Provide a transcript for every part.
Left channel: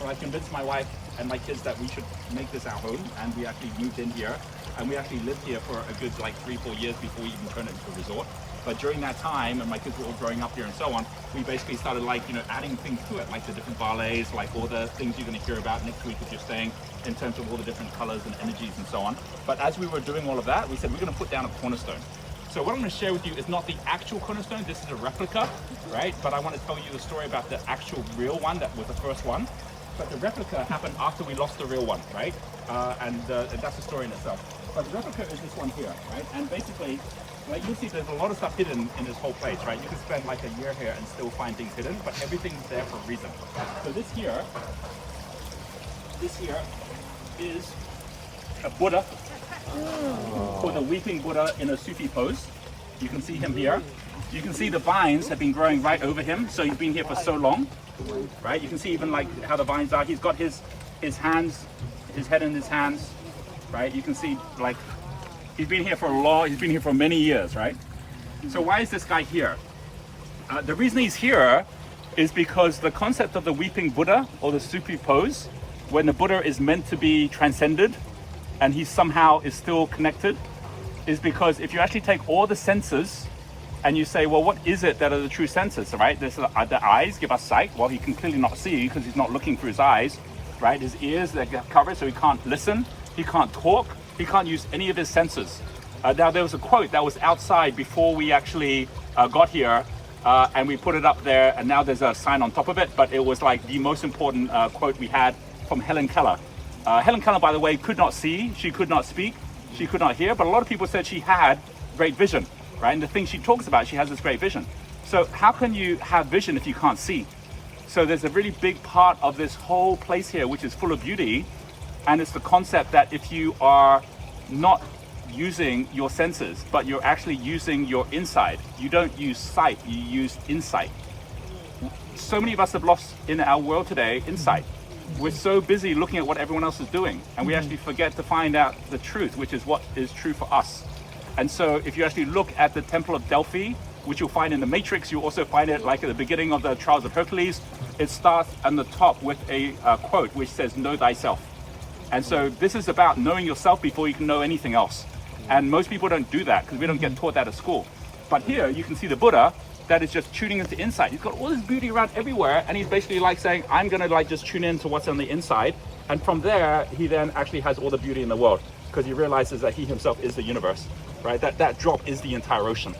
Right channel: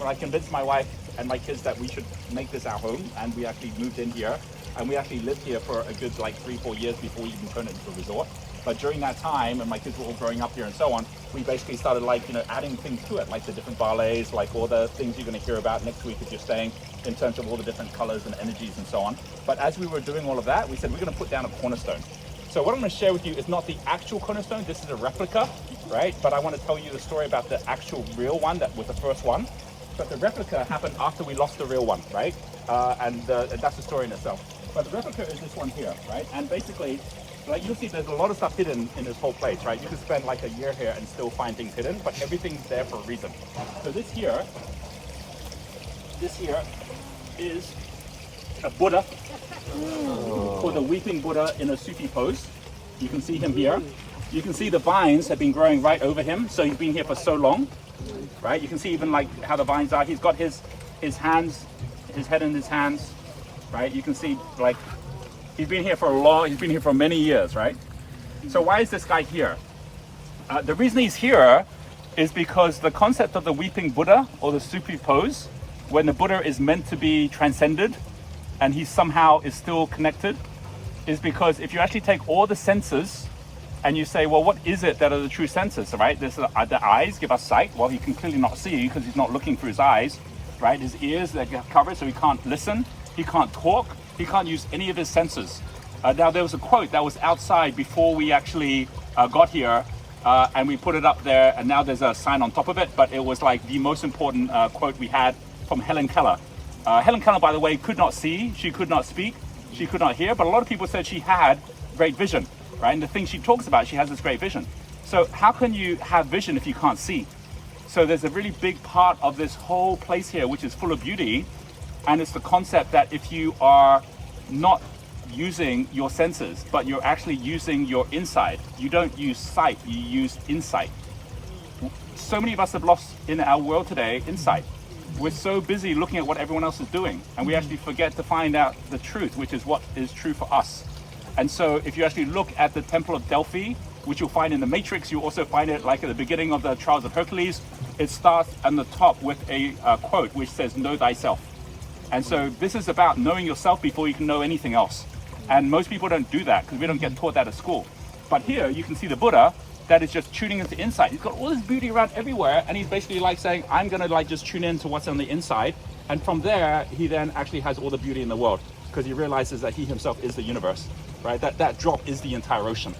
but I convinced my wife and my kids that we should make this our home, and we actually moved in here, and we actually lived here for a good like 3-4 years before we even turned it into a resort. But during that time, and my kids were all growing up here and so on, we basically started like, you know, adding things to it, like the different ballets, like all the things you're going to hear about next week if you're staying, in terms of all the different colors and energies and so on. But as we were doing all of that, we said we're going to put down a cornerstone. So what I'm going to share with you is not the actual cornerstone, this is a replica, right? But I want to tell you a story about the actual real one that was the first one. But the replica happened after we lost the real one, right? And that's a story in itself. But the replica is this one here, right? And basically, like you'll see there's a lot of stuff hidden in this whole place, right? You could spend like a year here and still find things hidden, but everything's there for a reason. So this here is a Buddha, called the weeping Buddha in a Sufi pose. You can see him here. You can see the vines have been growing right over him, so he's been here for so long, right? You can see even like how the vines are. He's got his hands, his head in his hands, right? You can see like he's been here for many years, right? So why is this guy here? The reason he's here is because the concept of the weeping Buddha, or the Sufi pose, when the Buddha is meant to be transcended and he somehow is still connected, is because if you actually take all the senses and you say, well, what is it that are the true senses, right? There's the eyes give us sight. Well, he can clearly not see because he's not looking through his eyes, right? His ears, they get covered, so he can't listen, he can't talk, he can't use any of his senses. Now, there was a quote that was outside before we actually got here, and we put it up there, and now there's a sign on top of it, but it was like the most important quote we had from Helen Keller. Helen Keller, by the way, could not see, she could not speak, she could not hear, but a lot of people said she had great vision, right? And the thing she talks about, she has this great vision. So how can you have vision if you can't see? So there's a really big part of this whole place here, which is full of beauty, and it's the concept that if you are not using your senses, but you're actually using your inside, you don't use sight, you use insight. So many of us have lost in our world today insight. We're so busy looking at what everyone else is doing, and we actually forget to find out the truth, which is what is true for us. And so if you actually look at the Temple of Delphi, which you'll find in the Matrix, you also find it like at the beginning of the Trials of Hercules, it starts on the top with a quote which says, know thyself. And so this is about knowing yourself before you can know anything else. And most people don't do that because we don't get taught that at school. But here you can see the Buddha that is just tuning into insight. He's got all this beauty around everywhere, and he's basically like saying, I'm gonna like just tune into what's on the inside. And from there, he then actually has all the beauty in the world because he realizes that he himself is the universe, right? That drop is the entire ocean.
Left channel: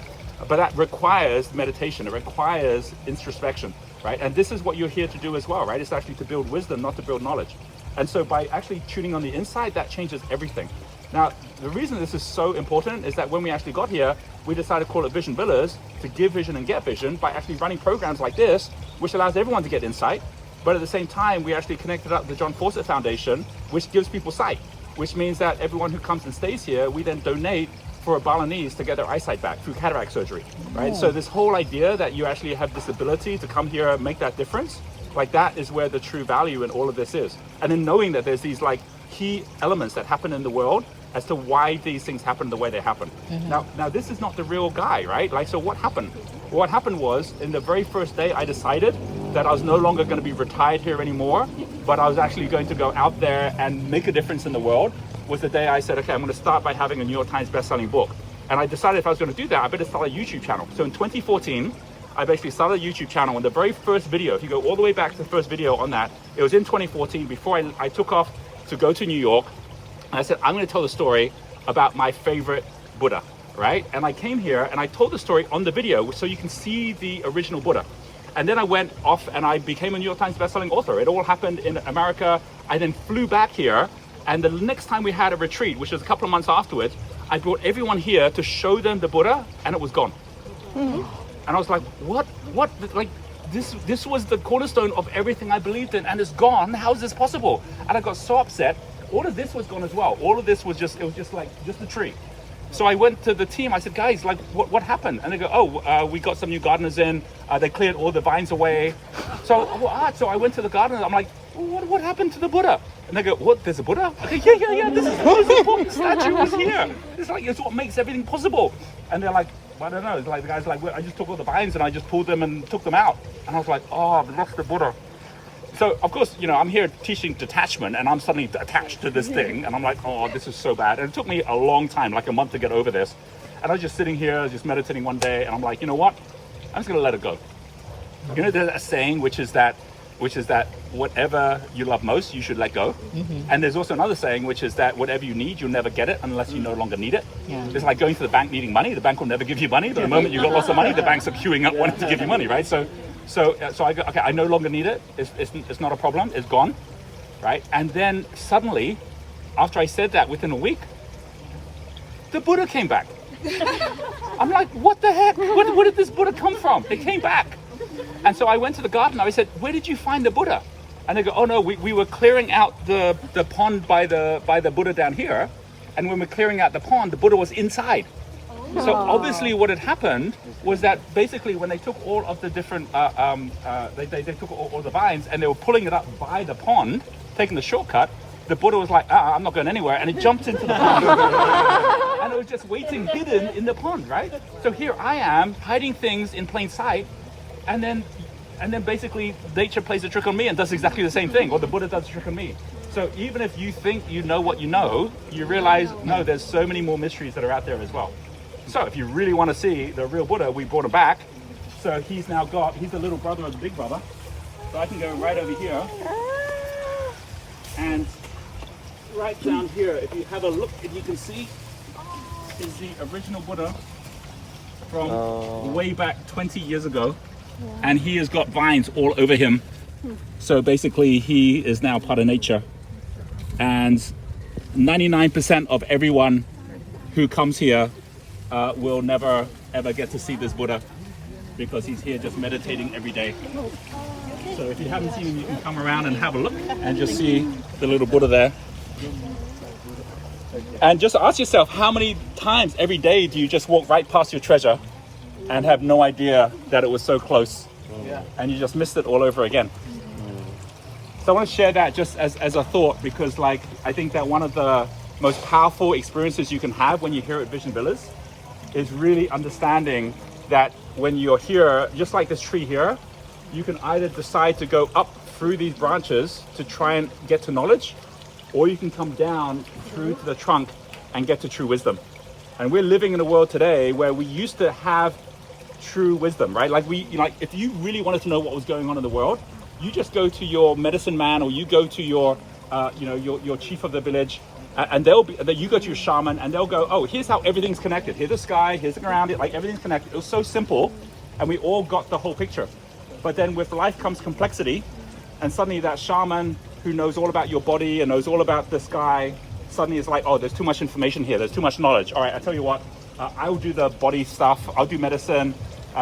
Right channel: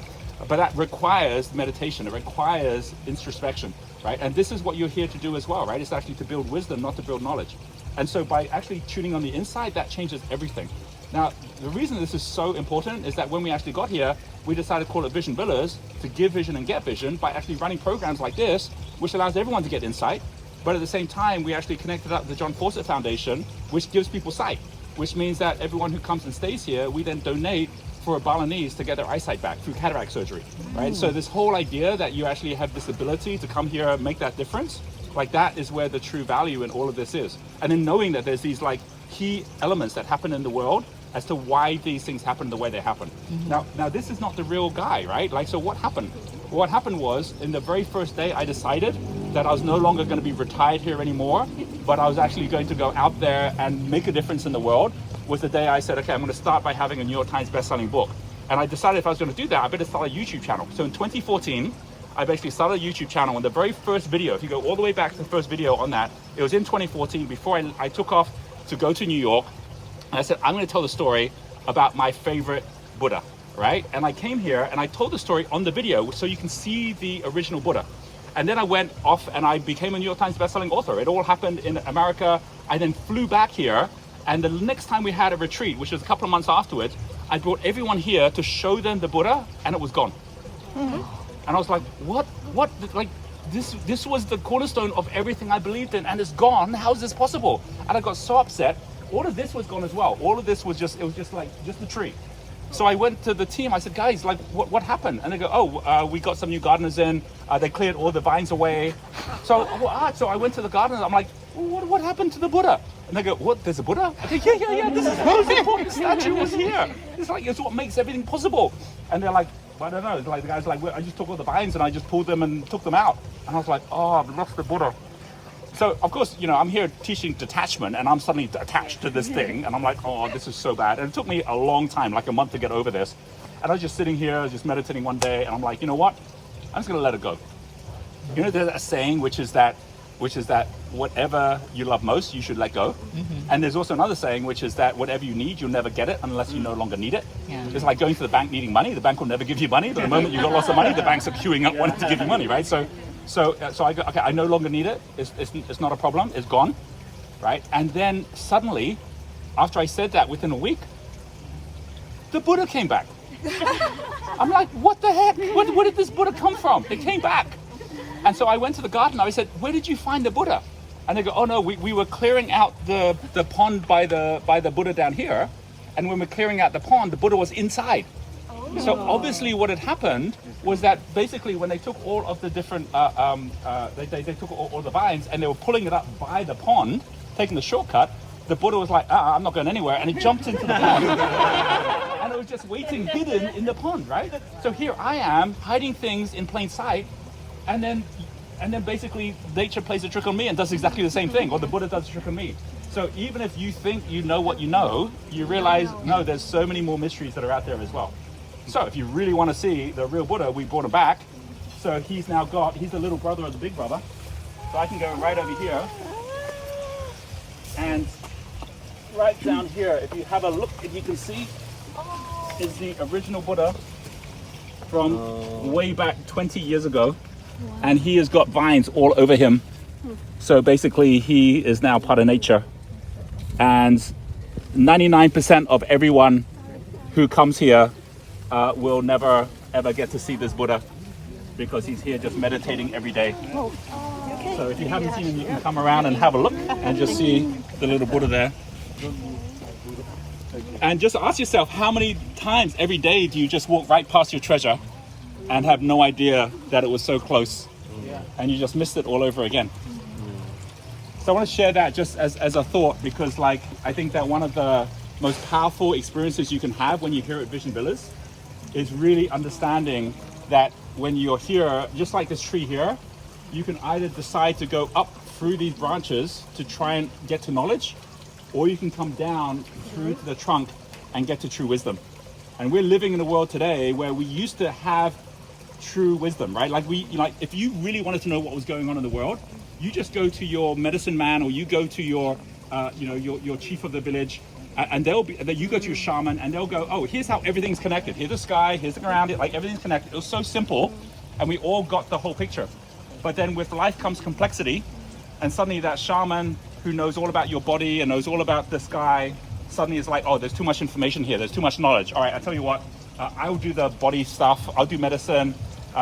But that requires meditation, it requires introspection, right? And this is what you're here to do as well, right? It's actually to build wisdom, not to build knowledge. And so by actually tuning on the inside, that changes everything. Now, the reason this is so important is that when we actually got here, we decided to call it Vision Villas, to give vision and get vision, by actually running programs like this, which allows everyone to get insight. But at the same time, we actually connected up with the John Fawcett Foundation, which gives people sight, which means that everyone who comes and stays here, we then donate for a Balinese to get their eyesight back through cataract surgery, right? So this whole idea that you actually have this ability to come here and make that difference, like that is where the true value in all of this is. And in knowing that there's these like key elements that happen in the world as to why these things happen the way they happen. Now this is not the real guy, right? Like, so what happened? What happened was, in the very first day, I decided that I was no longer going to be retired here anymore, but I was actually going to go out there and make a difference in the world. Was the day I said, okay, I'm going to start by having a New York Times best-selling book. And I decided if I was going to do that, I better start a YouTube channel. So in 2014, I basically started a YouTube channel, and the very first video, if you go all the way back to the first video on that, it was in 2014 before I took off to go to New York. And I said, I'm going to tell the story about my favorite Buddha, right? And I came here and I told the story on the video so you can see the original Buddha. And then I went off and I became a New York Times bestselling author. It all happened in America. I then flew back here. And the next time we had a retreat, which was a couple of months afterwards, I brought everyone here to show them the Buddha, and it was gone. And I was like, what? Like, this was the cornerstone of everything I believed in, and it's gone. How is this possible? And I got so upset. All of this was gone as well. All of this was just, it was just like, just a tree. So I went to the team, I said, guys, like, what happened? And they go, oh, we got some new gardeners in, they cleared all the vines away. So I went to the garden, I'm like, what happened to the Buddha? And they go, what, there's a Buddha? I think, yeah, this is the most important statue was here. It's what makes everything possible. And they're like, I don't know, it's like the guy's like, I just took all the vines and I just pulled them and took them out. And I was like, oh, I've lost the Buddha. So of course, you know, I'm here teaching detachment, and I'm suddenly attached to this thing, and I'm like, oh, this is so bad. And it took me a long time, like a month, to get over this. And I was just sitting here, just meditating one day, and I'm like, you know what? I'm just gonna let it go. You know, there's a saying which is that whatever you love most, you should let go. And there's also another saying which is that whatever you need, you'll never get it unless you no longer need it. It's like going to the bank needing money. The bank will never give you money, but the moment you've got lots of money, the banks are queuing up wanting to give you money, right? So I go, okay, I no longer need it. It's not a problem. It's gone, right? And then suddenly, after I said that, within a week, the Buddha came back. I'm like, what the heck? Where did this Buddha come from? It came back. And so I went to the garden. I said, where did you find the Buddha? And they go, oh no, we were clearing out the pond by the Buddha down here. And when we're clearing out the pond, the Buddha was inside. So obviously what had happened was that basically when they took all of the different, they took all the vines and they were pulling it up by the pond, taking the shortcut, the Buddha was like, I'm not going anywhere. And it jumped into the pond. And it was just waiting hidden in the pond, right? So here I am hiding things in plain sight. And then basically nature plays a trick on me and does exactly the same thing, or the Buddha does a trick on me. So even if you think you know what you know, you realize, no, there's so many more mysteries that are out there as well. So if you really want to see the real Buddha, we brought him back. So he's the little brother of the big brother. So I can go right over here. And right down here, if you have a look, if you can see, is the original Buddha from way back 20 years ago. And he has got vines all over him. So basically he is now part of nature. And 99% of everyone who comes here will never ever get to see this Buddha, because he's here just meditating every day. So if you haven't seen him, you can come around and have a look and just see the little Buddha there. And just ask yourself, how many times every day do you just walk right past your treasure and have no idea that it was so close, and you just missed it all over again? So I want to share that just as a thought, because like I think that one of the most powerful experiences you can have when you're here at Vision Villas is really understanding that when you're here, just like this tree here, you can either decide to go up through these branches to try and get to knowledge, or you can come down through to the trunk and get to true wisdom. And we're living in a world today where we used to have true wisdom, right? Like if you really wanted to know what was going on in the world, you just go to your medicine man, or you go to your chief of the village, and you go to your shaman, and they'll go, oh, here's how everything's connected. Here's the sky, here's the ground, like everything's connected. It was so simple, and we all got the whole picture. But then with life comes complexity, and suddenly that shaman who knows all about your body and knows all about the sky, suddenly it's like, oh, there's too much information here, there's too much knowledge. All right, I tell you what, I'll do the body stuff, I'll do medicine,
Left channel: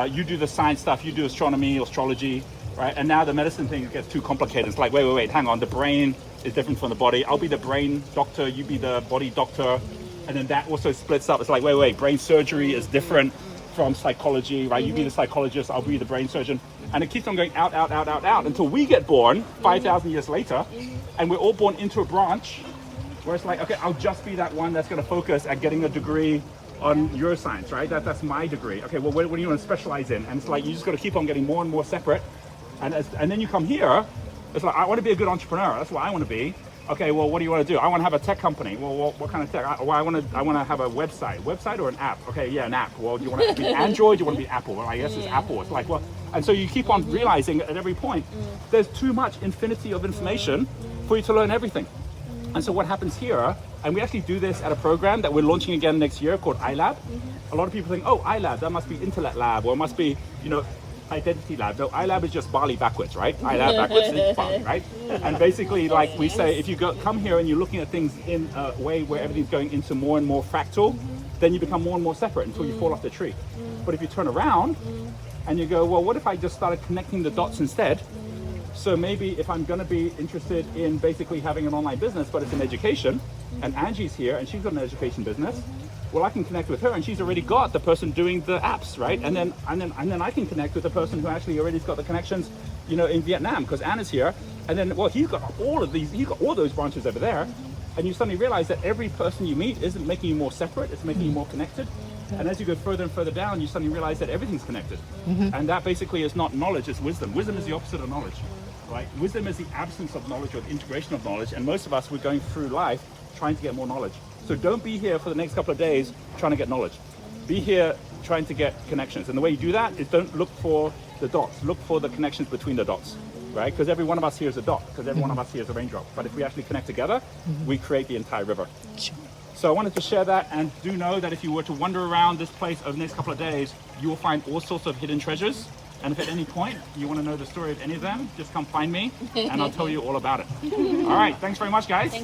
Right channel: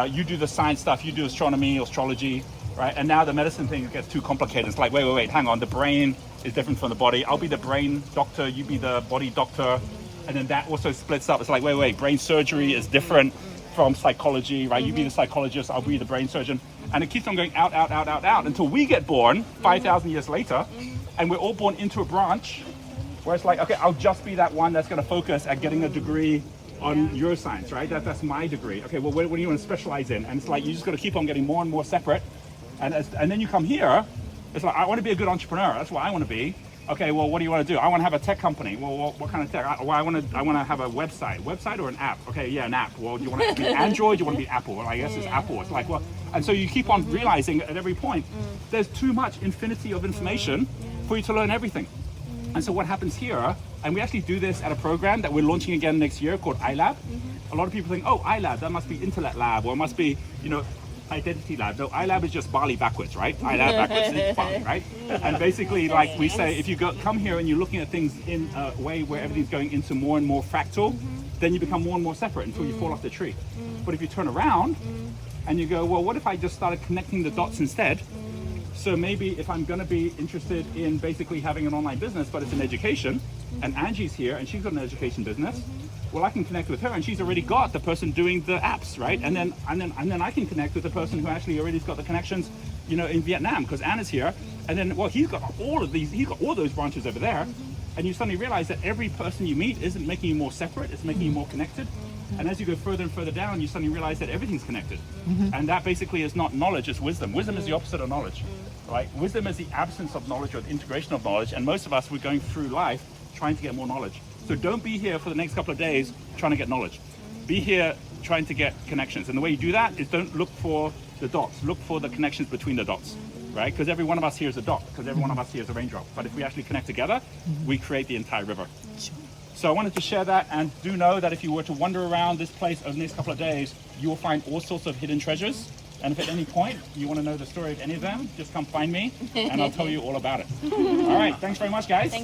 you do the science stuff, you do astronomy, astrology, right? And now the medicine thing gets too complicated. It's like, wait, hang on, the brain is different from the body. I'll be the brain doctor, you be the body doctor. And then that also splits up. It's like, wait, brain surgery is different from psychology, right? You be the psychologist, I'll be the brain surgeon. And it keeps on going out until we get born 5,000 years later, and we're all born into a branch where it's like, okay, I'll just be that one that's going to focus at getting a degree on neuroscience, right? That's my degree. Okay, well, what do you want to specialize in? And it's like, you just got to keep on getting more and more separate. And then you come here, it's like, I want to be a good entrepreneur. That's what I want to be. Okay, well, what do you want to do? I want to have a tech company. Well, what kind of tech? I want to have a website or an app. Okay, yeah, an app. Well, do you want to be Android? Do you want to be Apple? Well, I guess it's Apple. It's like, well, and so you keep on realizing at every point, there's too much infinity of information for you to learn everything. And so what happens here, and we actually do this at a program that we're launching again next year called iLab. A lot of people think, oh, iLab, that must be Intellect Lab, or it must be, Identity Lab. No, iLab is just Bali backwards, right? iLab backwards is Bali, right? And basically, like we say, if you come here and you're looking at things in a way where everything's going into more and more fractal, then you become more and more separate until you fall off the tree. But if you turn around and you go, well, what if I just started connecting the dots instead? So maybe if I'm going to be interested in basically having an online business, but it's in education, and Angie's here and she's got an education business, well, I can connect with her, and she's already got the person doing the apps, right? And then I can connect with the person who actually already got the connections, in Vietnam, because Anna's here. And then, well, he's got all those branches over there. And you suddenly realize that every person you meet isn't making you more separate, it's making you more connected. And as you go further and further down, you suddenly realize that everything's connected. And that basically is not knowledge, it's wisdom. Wisdom is the opposite of knowledge. right? Wisdom is the absence of knowledge or the integration of knowledge, and most of us, we're going through life trying to get more knowledge. So don't be here for the next couple of days trying to get knowledge. Be here trying to get connections. And the way you do that is don't look for the dots, look for the connections between the dots, right? Because every one of us here is a dot, because every one of us here is a raindrop. But if we actually connect together, we create the entire river. So I wanted to share that, and do know that if you were to wander around this place over the next couple of days, you will find all sorts of hidden treasures. And if at any point you want to know the story of any of them, just come find me and I'll tell you all about it. All right, thanks very much, guys.